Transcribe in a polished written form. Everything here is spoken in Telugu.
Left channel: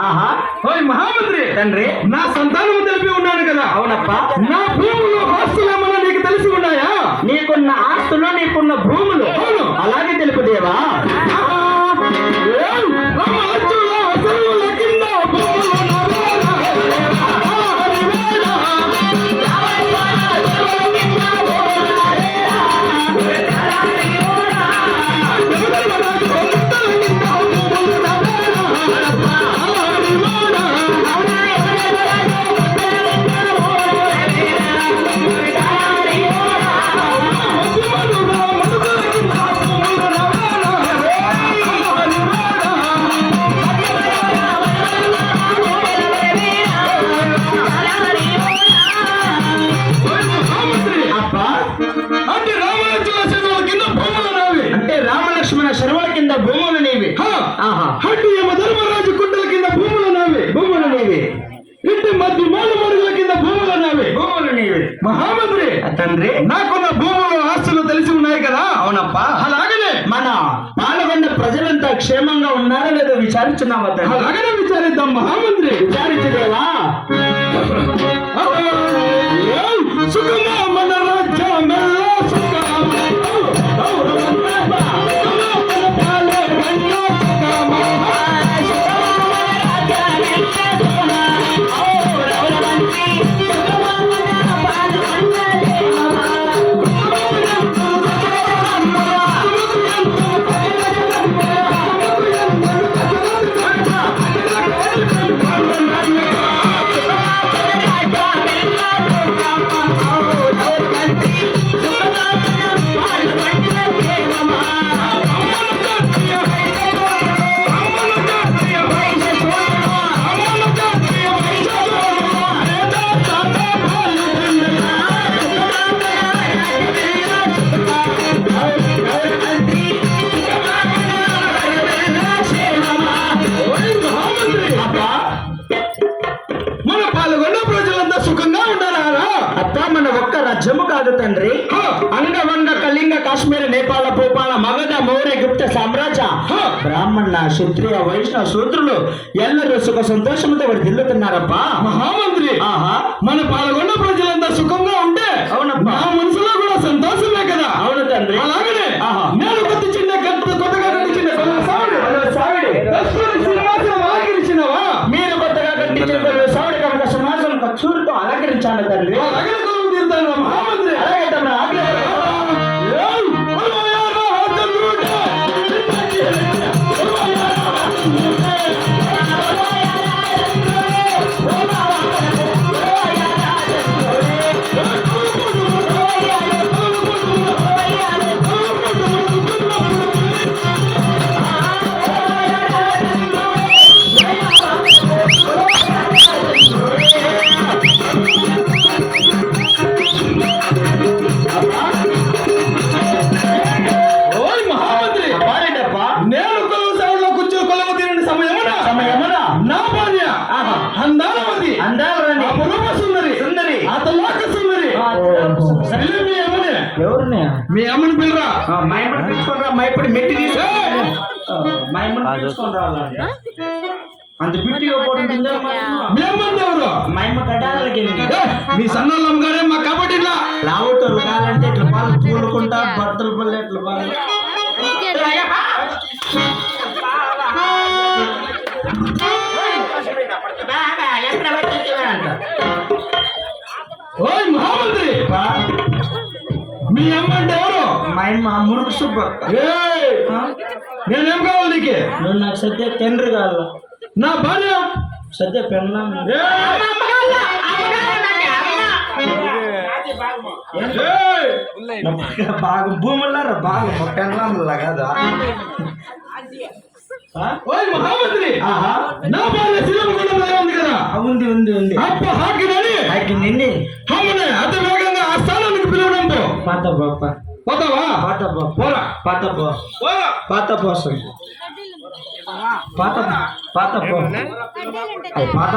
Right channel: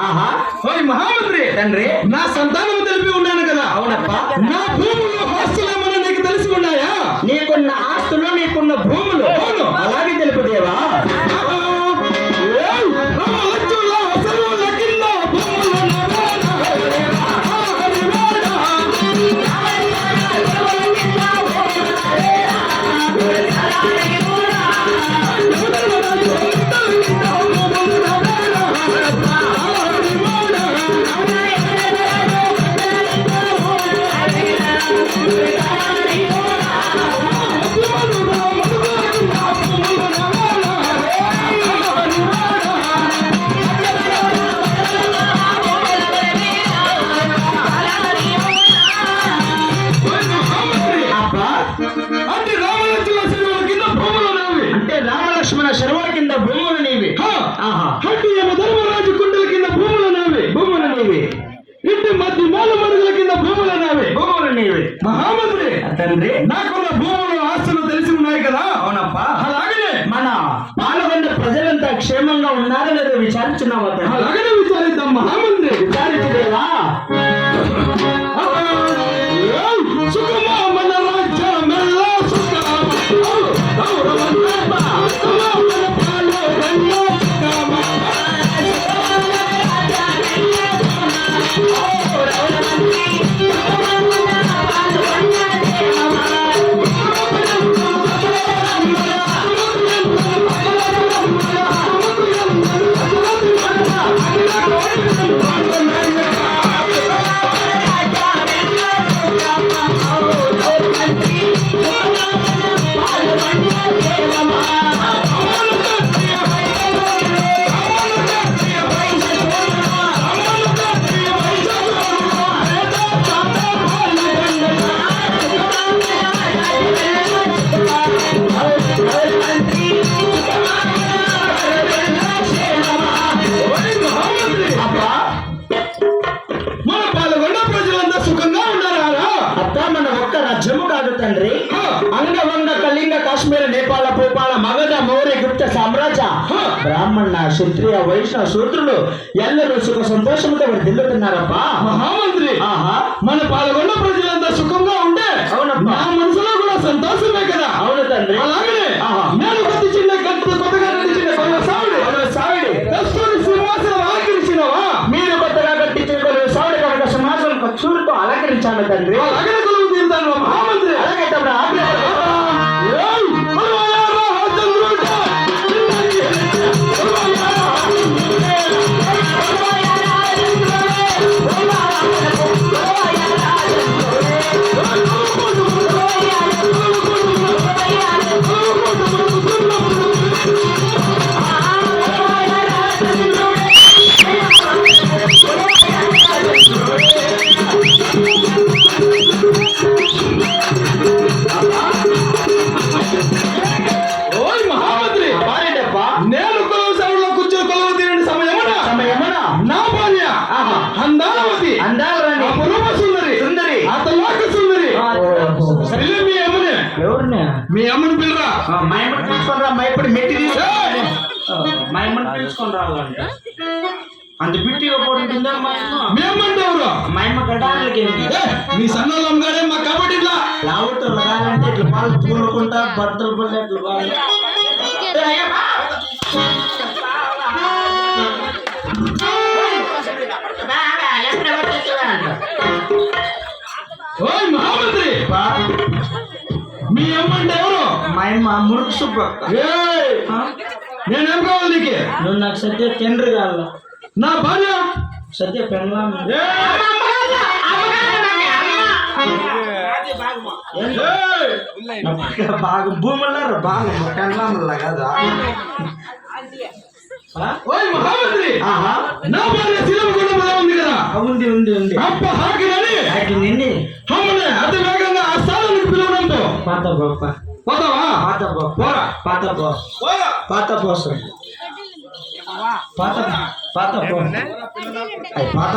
ఓయ్ మహామంత్రి తండ్రి, నా సంతానము తెలిపి ఉన్నాను కదా. అవునప్ప. నా భూములు ఆస్తులు ఏమన్నా నీకు తెలిసి ఉన్నాయా? నీకున్న ఆస్తులు, నీకున్న భూములు అవును. అలాగే తెలుపు దేవా. లక్ష్మణ శర్వల కింద భూములు నీవి. హట్టి యమధర్మరాజు కుండల కింద భూములు నావి. భూములు నీవి. ఇంటి మధ్య మూల మరుగుల కింద భూములు నావి. భూములు నీవి. మహామంత్రి తండ్రి, నాకున్న భూములు ఆస్తులు తెలిసి ఉన్నాయి కదా. అవునప్పా. అలాగనే మన పాల్గొన్న ప్రజలంతా క్షేమంగా ఉన్నారో లేదో విచారించున్నావా తండ్రి? అలాగనే విచారిద్దాం మహామంత్రి. విచారించదేవా. సుఖమా మన రాజ్యమెల్ల సుఖమా. రాజ్యము కాదు తండ్రి. అంగవంగ కళింగ కాశ్మీర నేపాల భూపాల మగధ మౌర్య గుప్త సామ్రాజ్య బ్రాహ్మణ క్షత్రియ వైష్ణవ శూద్రులు ఎల్లరూ సుఖ సంతోషంతో వారు తిల్లుతున్నారప్ప. మహామంత్రి, మన పాల్గొన్న ప్రజలంతా సుఖంగా ఉంటే అవునప్పా, నా మనసులో కూడా సంతోషమే కదా. అవును తండ్రి. అలాగనే నేను కొత్తగా కట్టించిన సావిడి కస్తూరి సింహాసనం అలంకరించినవా? మీరు కొత్తగా కట్టించిన సావిడి కనుక సింహాసనం కస్తూరితో అలంకరించాను తండ్రి. అలాగనే కొలువు తీరుతాను మహామంత్రి. అలాగే తమ్ముడు. మీ అమ్మని పిల్లరా. మా అమ్మని పిలుచుకోరా. మా ఇప్పుడు మెట్టి తీసు. మా అమ్మని పిలుచుకొని రావాలంటే అంత బిట్టి ఇవ్వకూడదు. మీ అమ్మంటే ఎవరు? మా అమ్మ గడ్డానికి మీ సన్నోళ్ళం గారే మా కాబట్టి ఇట్లా లావుటోళ్ళు కావాలంటే ఇట్లా పాలు తోలుకుంటా బట్టలు పళ్ళు ఎట్లా పాలు. ఓయ్ మహామంత్రి, మీ అమ్మ అంటే ఎవరు? మా అమ్మ మురుగు సుబ్బ. నేనేం కావాలి నీకు? నువ్వు నాకు సత్య తండ్రి కావాల. నా భార్య సత్య పెళ్ళ బాగా భూములారు బాగా పెళ్ళ కదా. ఓయ్ మహామంత్రి, నా భార్య శిలమగుండంలో ఉంది కదా. ఉంది ఉంది ఉంది. అప్ప హాకినని నిండి అమ్మనే అతి వేగంగా ఆ స్థానానికి పిలవడంతో పాత గొప్ప పోతావా? పాత పోరా. పాత పాత పోసం పాత పాత పాత